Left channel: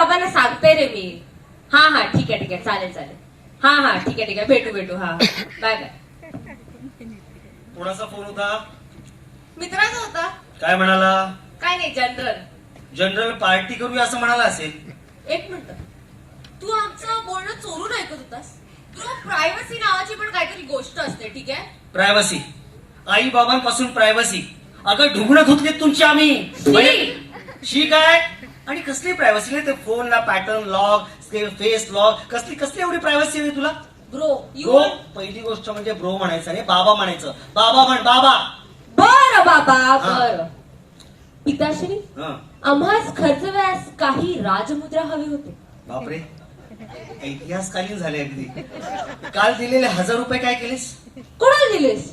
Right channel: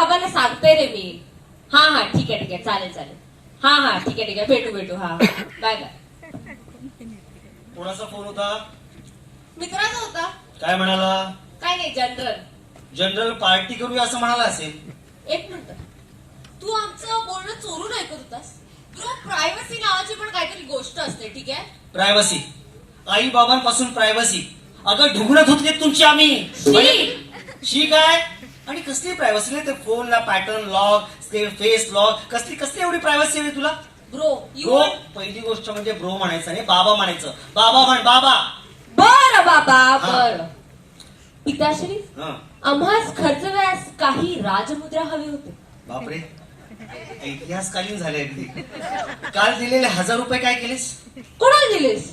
बाबांना सांगते रे मी. हा ठीक आहे चालेल. हा ठीक आहे भेटू हा बाय बाय. कोणाचा फोन होता? मित्राचा होता. काय म्हणाला? काय नाही जनरल पार्टी करूया असं म्हणाला असेल. एक मिनिट, तू आमचं बोलणं चोरून ऐकत होतास? प्रायव्हसी नावाची पण काहीतरी गोष्ट असते, ठीक आहे? प्रायव्हसी, आई बाबांपासून प्रायव्हसी. अगं ढुंगणं धुतलीत तुमची आम्ही. शी काय? आणि कसली प्रायव्हसी नाही ते फोनला पॅटर्न लॉक, फेस लॉक, कसली एवढी प्रायव्हसी हवी तुला? ब्रो पहिली गोष्ट म्हणजे ब्रो म्हणायचं आणि बाबा म्हणायचं. बाबा म्हण बाबा. बर बाबा बर. पिताश्री, हं. आम्हास खर्चव्यास काही राजमुद्रा हवे होते. बापरे, इतिहासकालीन झाले अगदी. काल दिलेले 1000 रुपये काय केलेस? कोणाला दिलेस?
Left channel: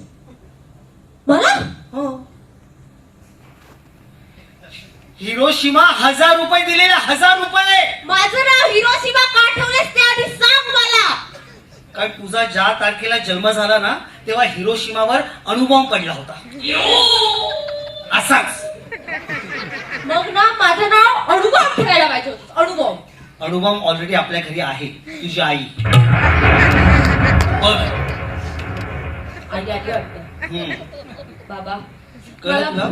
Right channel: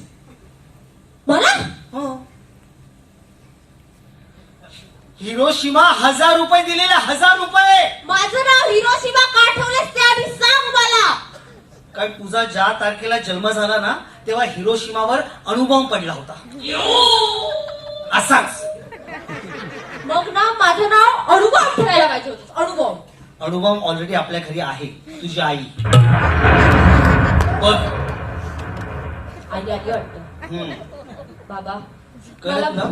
मला? हो. हिरोशिमा 1000 रुपये दिलेले, 1000 रुपये. माझं नाव हिरोशिमा का ठेवलेस ते आधी सांग मला. काय तुझा ज्या तारखेला जन्म झाला ना तेव्हा हिरोशिमावर अणुबॉम्ब पडला होता असाच. मग ना माझं नाव अणुबॉम्ब ठेवायला पाहिजे होतं. अणुबॉम्ब. अणुबॉम्ब ऑलरेडी आपल्या घरी आहे. तुझी आई बघ. आली वाटतं. बाबा कळत ना?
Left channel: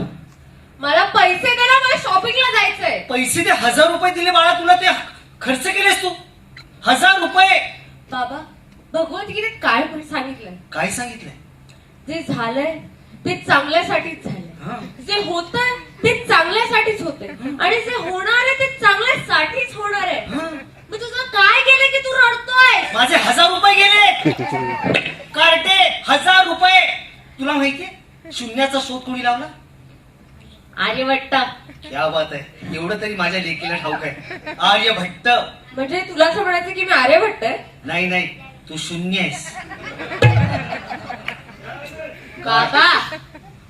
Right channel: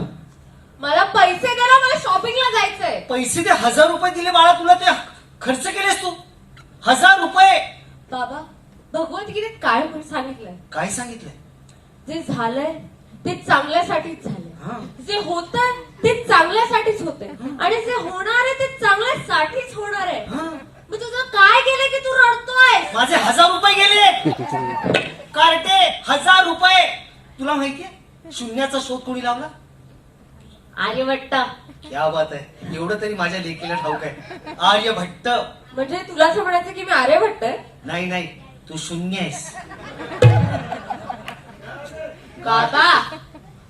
मला पैसे दे ना, मला शॉपिंगला जायचंय. पैसे ते 1000 रुपये दिले बाळा तुला, ते खर्च केलेस तू 1000 रुपये. बाबा भगवद्गीतेत काय सांगितलंय? काय सांगितलंय? जे झालंय ते चांगल्यासाठीच झालंय. हा. जे होतंय ते चांगल्यासाठीच होतंय आणि जे होणार आहे ते चांगल्यासाठीच होणार आहे. मी तुझं काय केलं की तू रडतोय? माझे 1000 रुपये गेले कार्टे. 1000 रुपये. तुला माहितीये शून्याचा शोध कोणी लावला? आर्यभट्ट. क्या बात आहे. एवढं तरी माझ्या लेकीला ठाऊक आहे. आर्यभट्ट. म्हणजे तुला असं म्हणायचं की मी आर्यभट्ट आहे? नाही तू शून्य आहेस. बाबा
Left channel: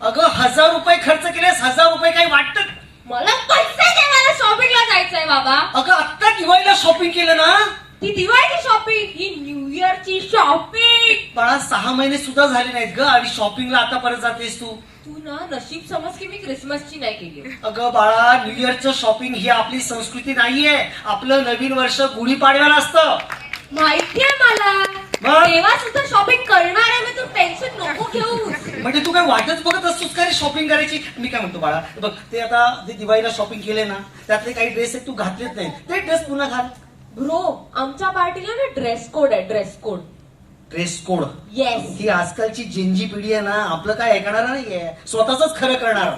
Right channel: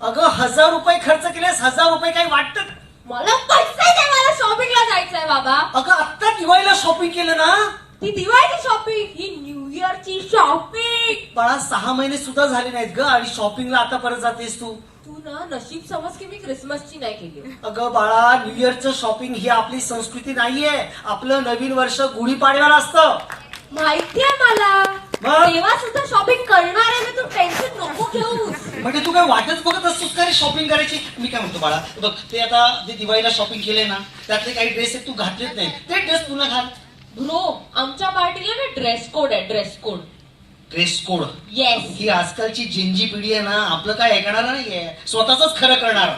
अगं 1000 रुपये खर्च केलेस. 1000 रुपये काही वाटत? मला पैसे दे, मला शॉपिंगला जायचंय. बाबा अगं आत्ता दिवाळीला शॉपिंग केलं ना? ती दिवाळीची शॉपिंग, ही न्यू इयरची शॉपिंग. बाळा 6 महिने सुद्धा झाले नाहीत ग आणि शॉपिंगला आता परत जातेस तू. तू ना नशीब समज की मी क्रिसमसची नाही केली. अगं बाळा न्यू इयरचं शॉपिंग ही आपली संस्कृती नाहीये. आपलं नवीन वर्ष गुढीपाडव्याला असतं. माहितीये मला. मग? तेव्हा सुद्धा शॉपिंग करणार आहे मी. तू टेन्शन नको घेऊस. म्हणजे तू काय वाटच बघत असतोस का रे शॉपिंग करायची? मी काय म्हणतो बाळा, बघ ते आता जे दिवाळीला शॉपिंग केले ना त्यातले काही ड्रेस तू घातलेच नाही, ते ड्रेस पुन्हा घाल. ब्रो आमच्या पार्टीला ना ड्रेस कोड आहे. Dress code. Dress code. Yes. ही आजकालची जिंजी पिढी आहे ना, आपलं काय ऐकणार नाहीये, स्वतःच खरं करणार.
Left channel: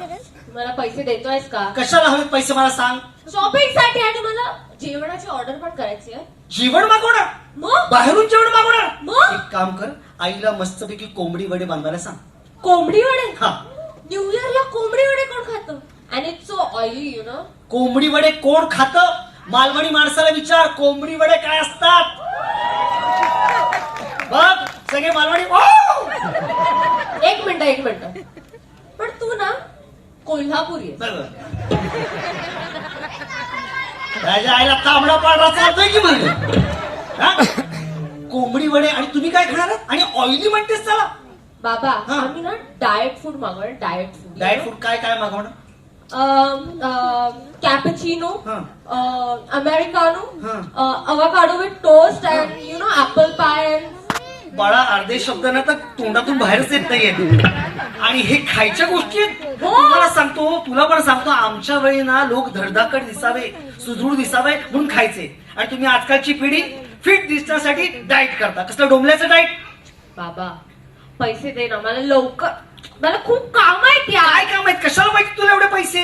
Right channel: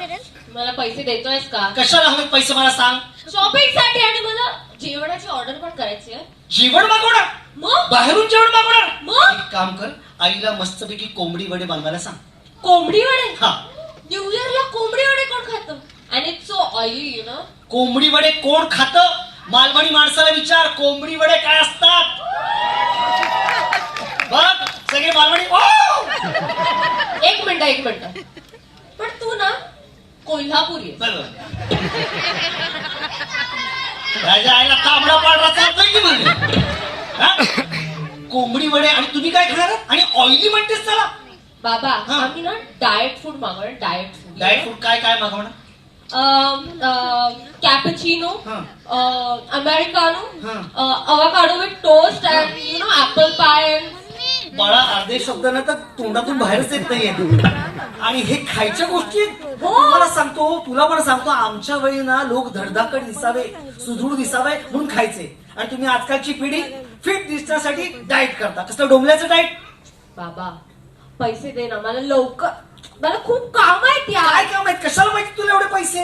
मला पैसे देतोयस का? कशाला हवेत पैसे मला सांग? शॉपिंग साठी आणि मला जेवणाची ऑर्डर पण करायची आहे. जेवण मागवणार? मग बाहेरून जेवण मागवणार? मग? एक काम कर, आईला मस्तपैकी कोंबडी वडे बनवायला सांग. कोंबडी वडे? हा. न्यू इयरला कोंबडी वडे कोण खातं? आणि it's so oily you know. कोंबडी वडे कोण खातं? मालवणी माणसाला विचार, कोंबडी वडे काय असतात. बघ सगळे मालवणी. एक मिनिट पण तू ना कोल्हापुरी आहे. राजा आईला तांबडा पांढरा चालतोय की म्हणजे. कोंबडी वडे आणि तुम्ही काय खाणार? आणि ऑइली म्हणतेस त्याला? बाबा हा. आम्ही ना डाएट फूड मागवणार. Diet food. ड्राय फ्रूट काय मागवणार? कॅपुचिनो, हा. अमेरिकानो, हा. Avocado with toast and you know apple pie. बाळा अर्धे शब्द ना तर तोंडातून बाहेरच येत नाहीये. आणि हे खायच्या गोष्टी मला सांगतो, तुला पण सांगतो, आमच्या वेळी ना लोक धडधाकट दिसावे, सुदृढ दिसावे म्हणून खायचे. आणि तुम्ही आजकालची पिढी फिट दिसण्यासाठी डाएट करता. कसलं डोंबल्याचं डाएट? बाबा पैसे दे ना मला लवकर. मला खूप काम आहेत. काय काम आहेत? कशाला माहिती तुला एवढे पैसे?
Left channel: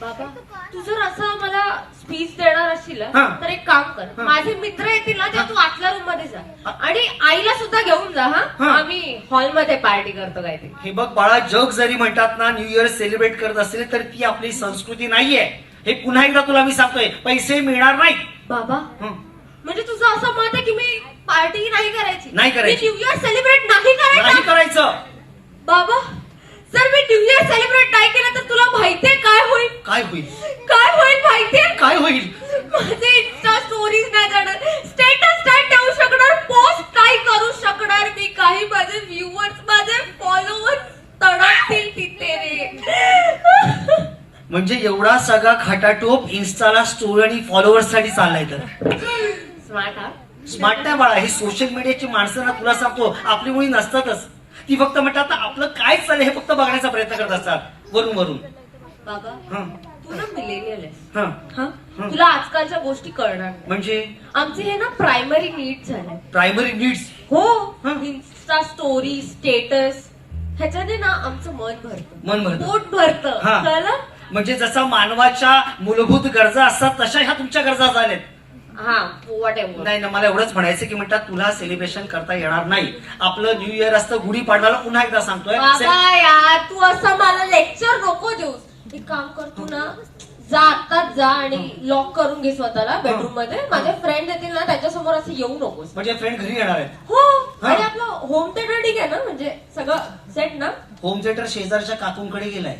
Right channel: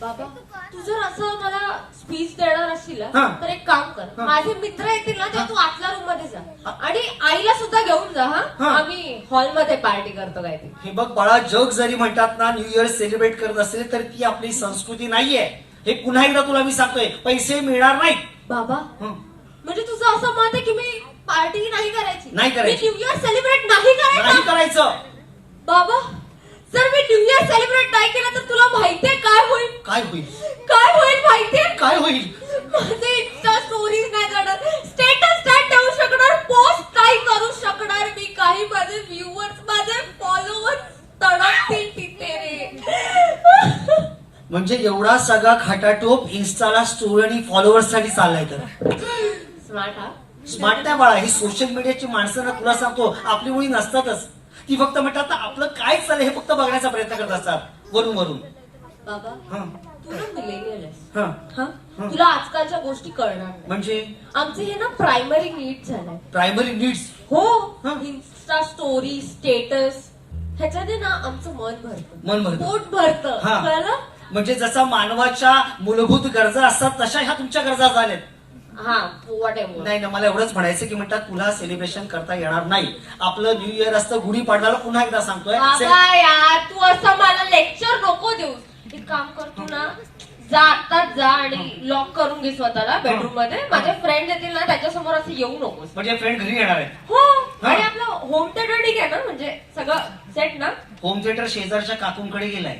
बाबा तू जर असं मला स्पीच देणार असशील हा. तर एक काम कर, हा. माझे मित्र येतील ना तर तू आतल्या रूम मध्ये जा हा. आणि आईला सुद्धा घेऊन जा. हा. हा आम्ही हॉलमध्ये पार्टी करतो काय ते. हे बघ बाळा, जग जरी म्हणतात ना न्यू इयर सेलिब्रेट करत असेल तर ती आपली संस्कृती नाहीये. हे पुन्हा एकदा तुला मी सांगतोय, पैसे मिळणार नाही. बाबा हं. म्हणजे तुझं असं मत आहे की मी पार्टी नाही करायची? नाही करायची. न्यू इयर सेलिब्रेट नाही नाही करायचं? करायचं. बाबा जर मी न्यू इयर सेलिब्रेट नाही केलं तर तुला माहितीये काय होईल? काय होईल? काय होईल माहितीये? काय होईल? माझे इन्स्टा स्टोरीज नाही जाणार, स्टेटस नाही ठेवू शकणार, पोस्ट नाही करू शकणार मी. काही माझे व्ह्युअर्स, माझे फॉलोअर्स तडकतील तिथे रे. म्हणजे एवढा सगळा खटाटोप इन्स्टाला स्टोरी आणि फॉलोअर्स साठी चाललाय तर स्मार्ट हा. स्मार्ट नाही बाळा, ही सोशल मीडियाची माणसं ना तुला सांगतो आपली मुली नसतातच. ती फक्त म्हणतात आपलं काय चाललंय हे फक्त बघण्याचा प्रयत्न करत असतात वरून वरून. बाबा हं, तू ना मिलेनियल आहेस. हं. हा? तुला आजकालच्या गोष्टी कळणार नाही. म्हणजे आमचे हे ना प्रायमरी नीड्स झालंय. Primary needs. हो. हं. इन्स्टा स्टोरी स्टेटस ह्याच्याने ना आमचं मन भरतं, मन भरतं. पोट भरतं. हा. कळलं? म्हणजे जसा मानवाच्या मूलभूत गरजा असतात तशा ह्या तुमच्या गरजा झाल्यात. हा वॉट एव्हर. नाही ना, मला एवढंच म्हणायचं की म्हणतात तुला सेलिब्रेशन करता येणार नाही. आपलं न्यू इयर असतं गुढीपाडव्याला. पुन्हा एकदा सांगतोय बाबा यार तू असं मला लेक्चर नको देऊस. एक काम कर तू ना जा आत्ताच जा आणि लॉक करून घे स्वतःला बेडरूम मध्ये. माझे फ्रेंड येतील ना त्याच्यासमोर असं येऊ नकोस. म्हणजे फ्रेंड घरी येणार आहे. हो. आणि आपलं होम थिएटर ठीक आहे ना, म्हणजे सगळं सेट ना. होम थिएटर शेजारच्या काकूंकडे गेलाय.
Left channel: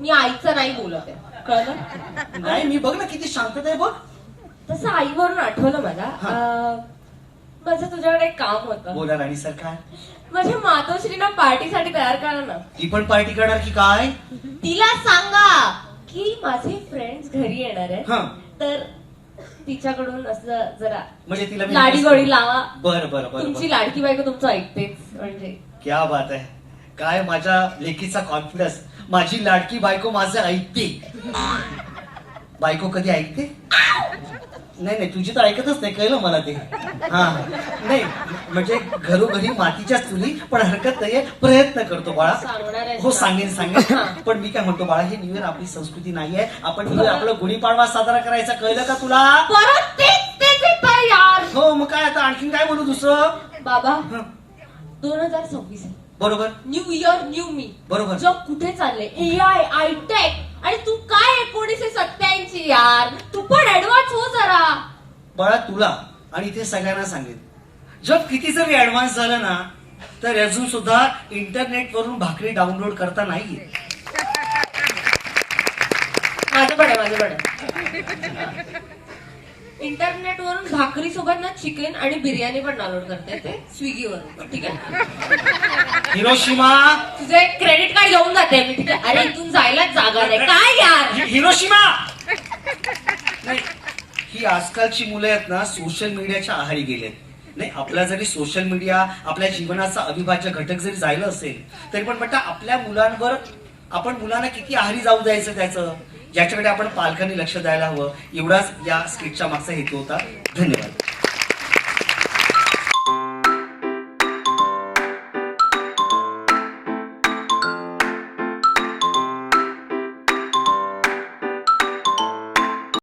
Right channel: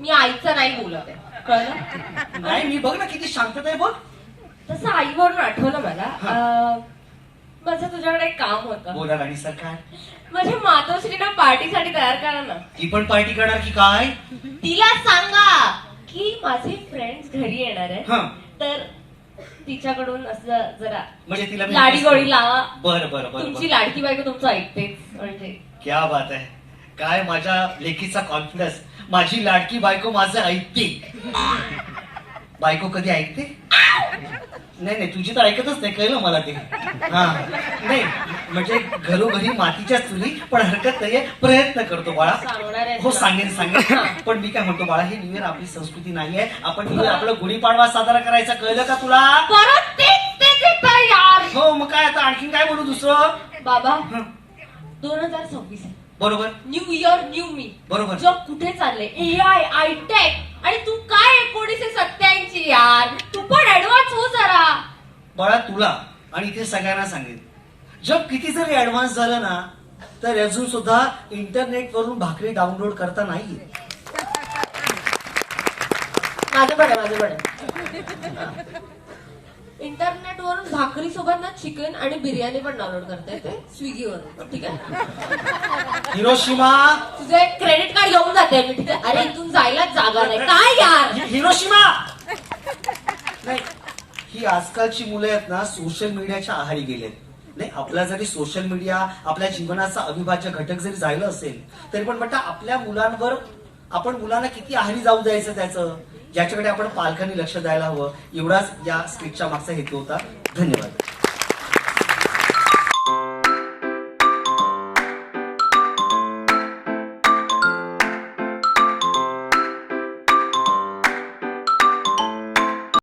मी आईचं नाही बोलत आहे, कळलं? नाही मी बघ ना किती शांतता आहे बघ. तसं आईवरून आठवलं मला. माझं तुझ्याकडे एक काम होतं. बोला राणी सरकार. माझ्या मातोश्रीना पार्टीसाठी तयार करा ना. ती पण पार्टी करणार की काय? तिला सांगा की माझे फ्रेंड्स घरी येणार आहे, हं. तर तिच्याकडून असं जरा म्हणजे तिला मी- लाडी गोडी लावा. बरं बरं बरं तुमची बरं. लाडकी बायको तुमचं ऐकतेच म्हणजे. क्या बात आहे. काय माझ्या लेकीचा कॉन्फिडन्स. माझी लाडकी बायको माझं ऐकते. बायको कधी ऐकते? नाही नाही तुझी तर ऐकतच नाही, कळलं मला ते. हा नाही म्हणजे घरोघरी मातीच्याच चुली, पण हरकत नाहीये, प्रयत्न करतो बाळा. सांगणार आहे हो तुला. सांगेन सांगेन. हा. पण मी काय म्हणतो बाळा, हे न्यू इयर आपली संस्कृती नाहीये. आपण न्यू इयर आपलं गुढीपाडवा साजरा करायचा, कळलं का तुला? परत तेच येतं यार. हो मग काय आता आणखीन काय बोलू दुसरं? बाबा हं, 2026 आहे. बरोबर न्यू इयर न्यू मी. बरोबर. जग कुठे चालले? AI आयटेक आणि तू काय 1987 यार. तू पण ऍडव्हान्स हो जरा. बाळा तुला आणि इथे सगळ्यांना सांगेन, जग किती जरी ऍडव्हान्स झालं ना तर अजून सुद्धा इंटरनेट वरून भाकरी डाउनलोड करता नाहीये. माझं पण आहे. इंटरनेट वरून भाकरी सोबत ना चिकन आणि बिर्याणी पण डाउनलोड करते ते स्विगीवरून. ठीक आहे, हिरोशिमा. तुझं एक क्रेडिट कार्ड घेऊन जाते मी. ठीक आहे. अरे इथून जायलाच जागा नाही काय यार. हिरोशिमा नाही, ही आजकालची मुलं आहेत ना सोशल मीडियाच्या आहारी गेलेत. नाही आपला जरी सोशल मीडिया आपल्या जीवनाचा अविभाज्य घटक जरी झालं असेल तरी पण म्हणता आपल्या मुलांवर आपण मुलांना किती आहारी जाऊ द्यायचं त्याचं, ज्याच्याकडे आपण पालकांनी लक्ष द्यायला हवं. एवढाच या स्किटच्या मागचा हेतू होता. धन्यवाद.